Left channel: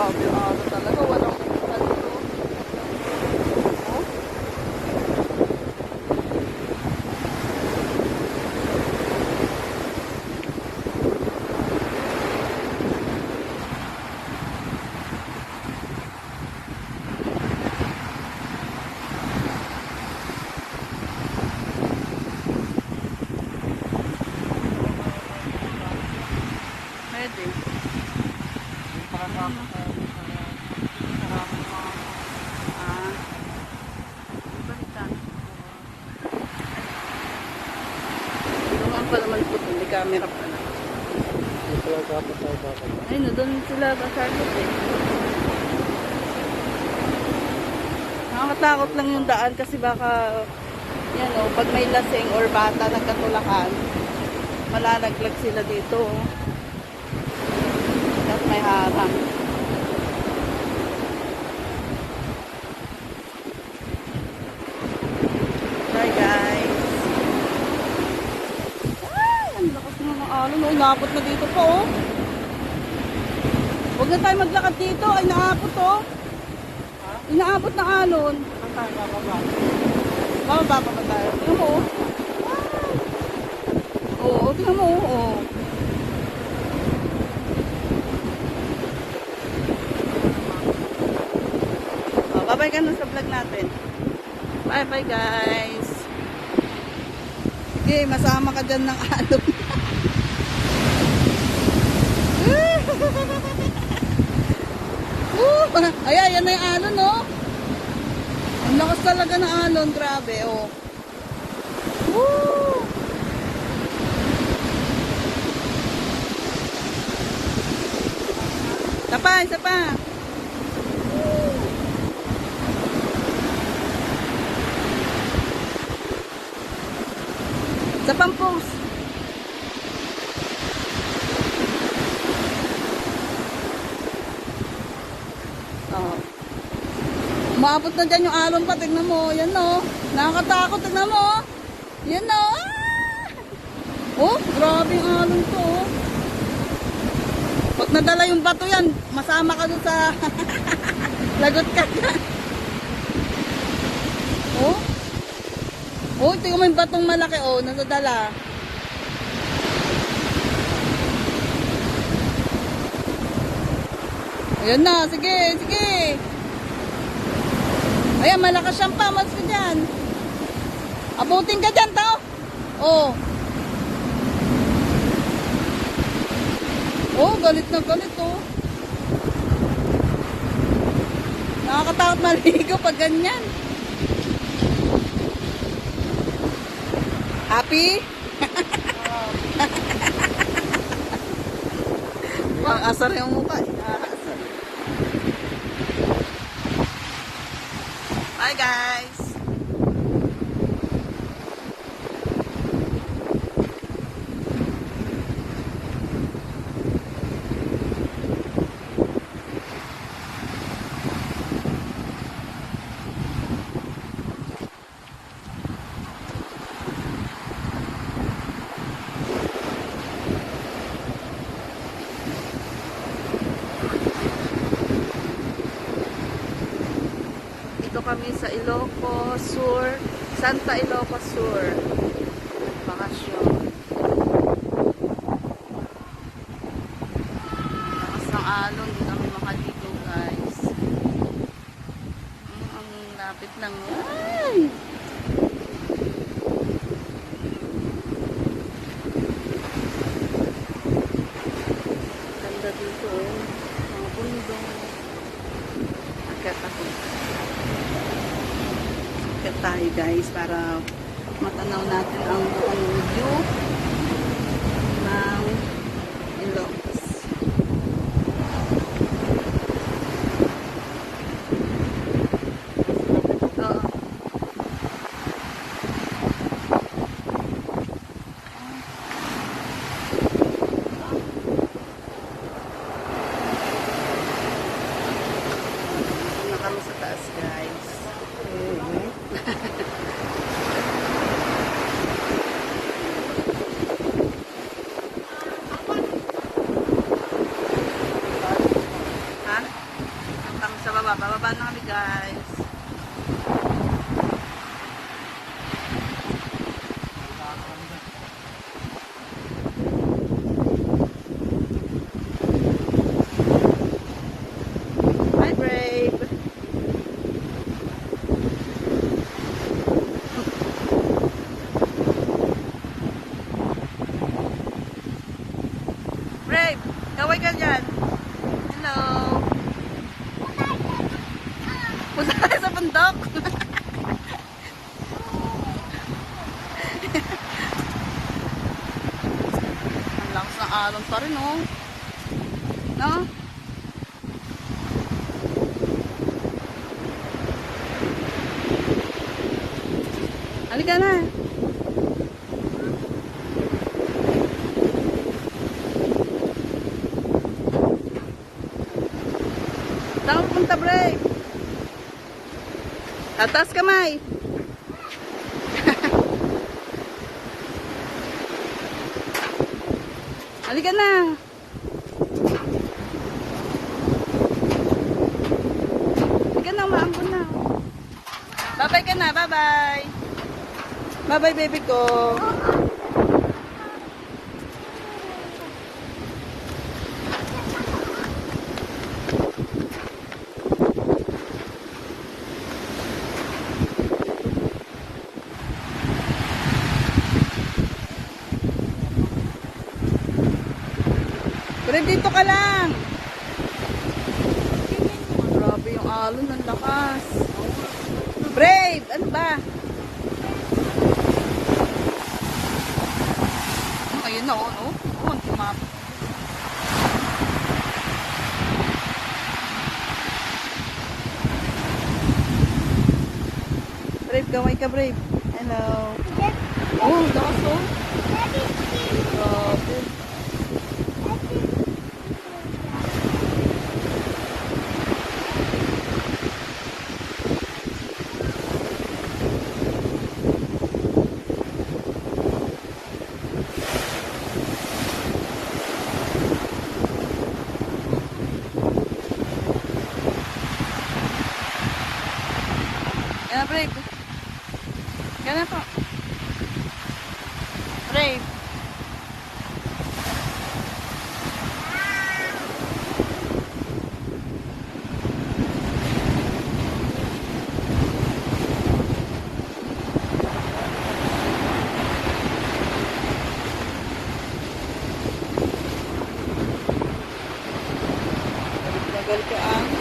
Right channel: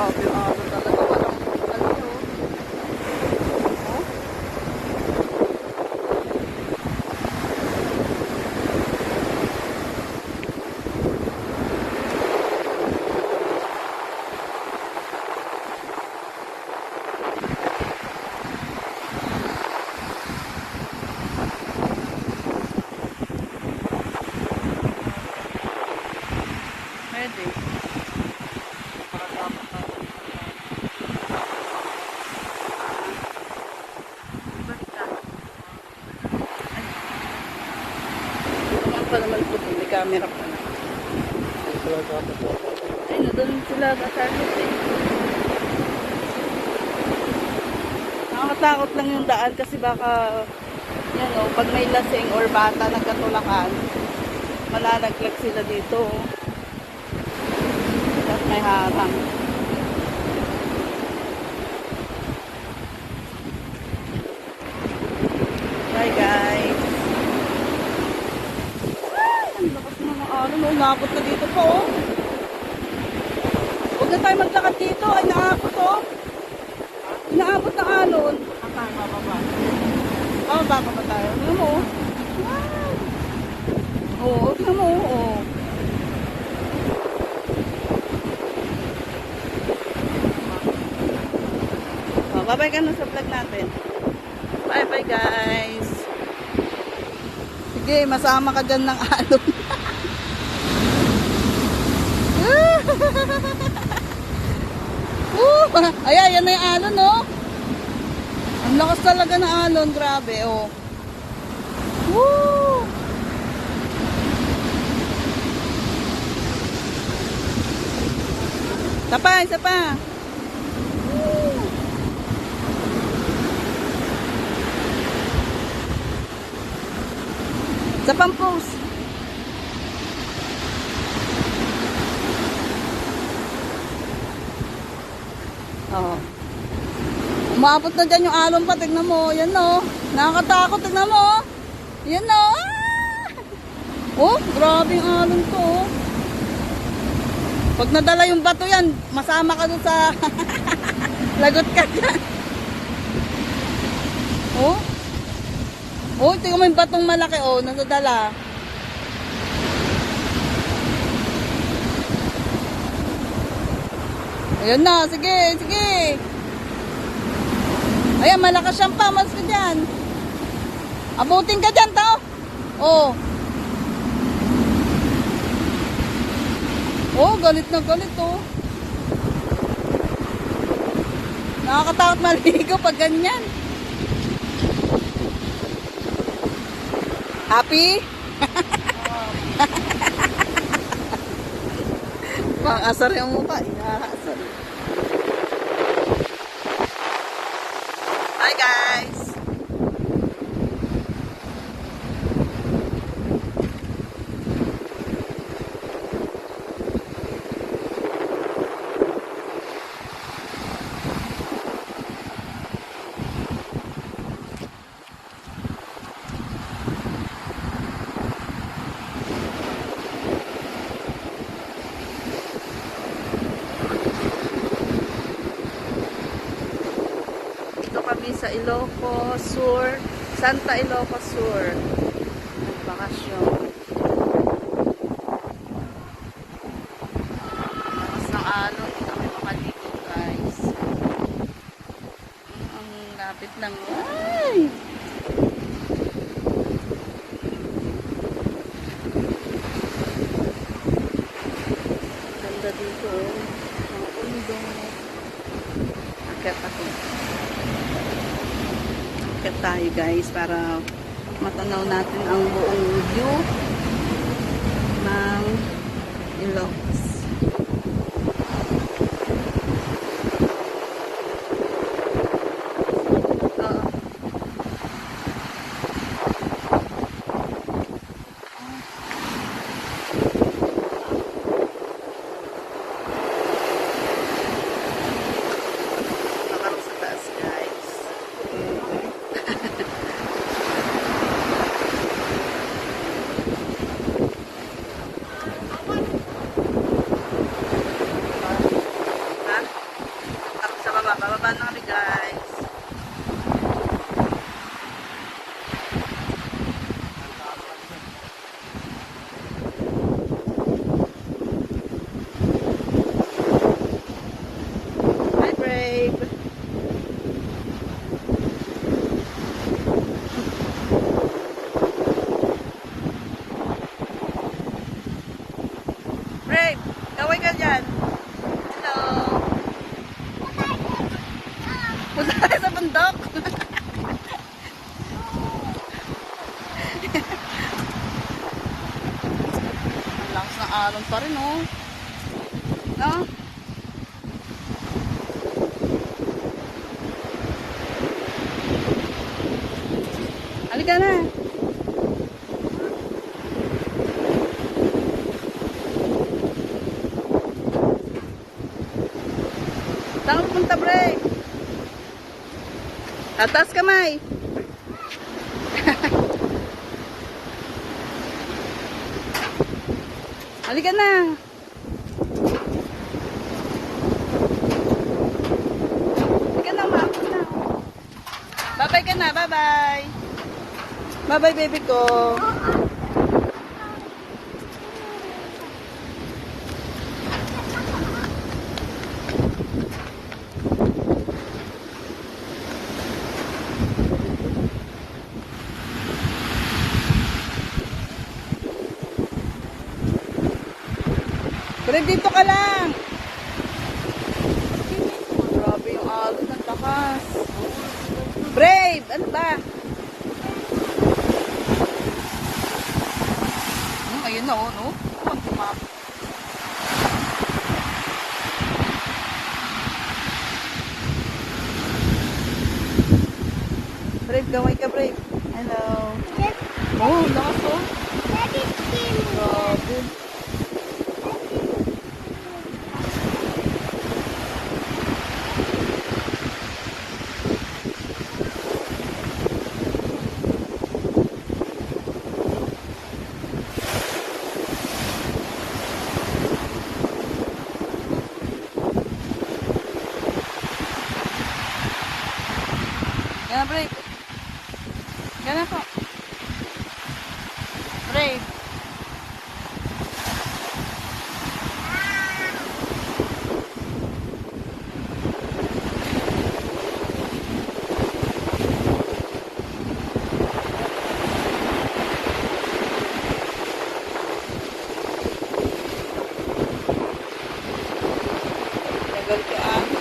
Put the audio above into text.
Grabe yung araw talaga. Walang ano to. Oh. Pwede. Pa naman po ito, may camera pa na. Ay, na doon sila sa Charlotte eh. Nakakatakot lang yung daan kasi baka, yan o, pag may lasing or bata nagkatulakan, malalaglag sila dito. Tapos may harang. Bye guys. Ano, naabot na dito po, oh. Huwag na tayo maglakad dito. Ay, naabot, oh. Inaabot ng alon. Baba pa tayo. Tingnan mo, oh. Oo, tingnan mo, oh. Oh, bye-bye ka na sa vlog natin. Bye-bye, guys. Sige, masama ka dyan ng alon. Ayan, yan na yung alon, oh. Ang lakas talaga ng alon, grabe, oh. Woo! Sapa, sapa. Sapang post. Oh. Umabot na dyan yung alon pa. Tignan mo. Yan o. Nakakatakot. Tignan mo. Yan o. Oh, grabe yung alon to. Pag nadala yung bato yan, masama ka doon sa lagot ka dyan. Oh. Oh, tingnan mo yung batong malaki. Oh, nadala. Ayan na, sige, sige. Ayan, malakas siyang pamas ka dyan. Abutin ka dyan, tao. Oh. Oh, galit na galit, oh. Nakakatakot maligo pag ganyan. Happy? Pang-asar yung mukha. Nakakasar. Bye guys! Kami sa Ilocos Sur, Santa Ilocos Sur. Nagbakasyon. Lakas ng alon, hindi kami makaligo guys. Ang lapit lang. Ay! Ganda dito oh. Mga pundong. Katapos. Ikat tayo guys para matanaw natin ang buong view ng Ilocos. Na kami sa taas guys. bababa na kami guys. Hi Brave. Brave, kaway ka dyan. Hello. Punta tayo sa bundok. Ang lakas ng alon pa rin, oh. No? Halika na. Saan ka pupunta, Bray? Tatas kamay. Halika na. Halika na, maangkot na. Bye-bye ka na, bye-bye. Bye-bye, baby ko. Pero dito ka lang. Grabe yung alon, ang lakas. Brave! Ano ba? Ayun na, oh, no? Oh, tumapos. Brave, gaway ka, Brave. Hello. Oh, lakas, oh. Grabe. Yan, Brave. Yan po. Brave. Gagal ka,